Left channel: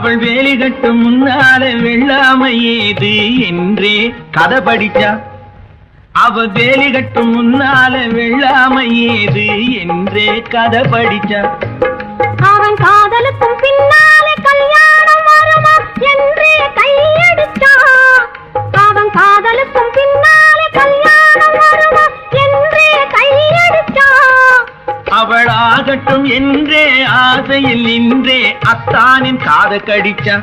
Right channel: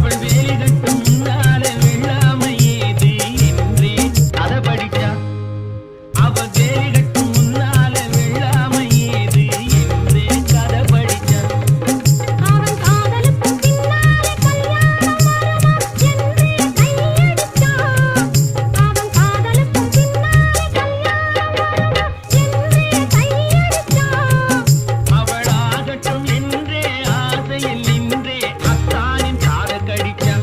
அவள் வேலி கட்டும் முன்னால வெள்ளாமை ஏது என்றே கதை படிச்சா. அவ வேலி கட்டும் முன்னால வெள்ளாமை ஏது என்றே கதை படிச்சா. அவன் காதலுக்கும் பின்னாலே கல்யாணம் வருமா என்றே கையடிச்சா. அவன் காதலுக்கும் பின்னாலே கல்யாணம் வருமா என்றே கையடிச்சா. அவளாகட்டும் என்றே ஆசையில் நின்றே அத்தானின் காத கடிச்சா.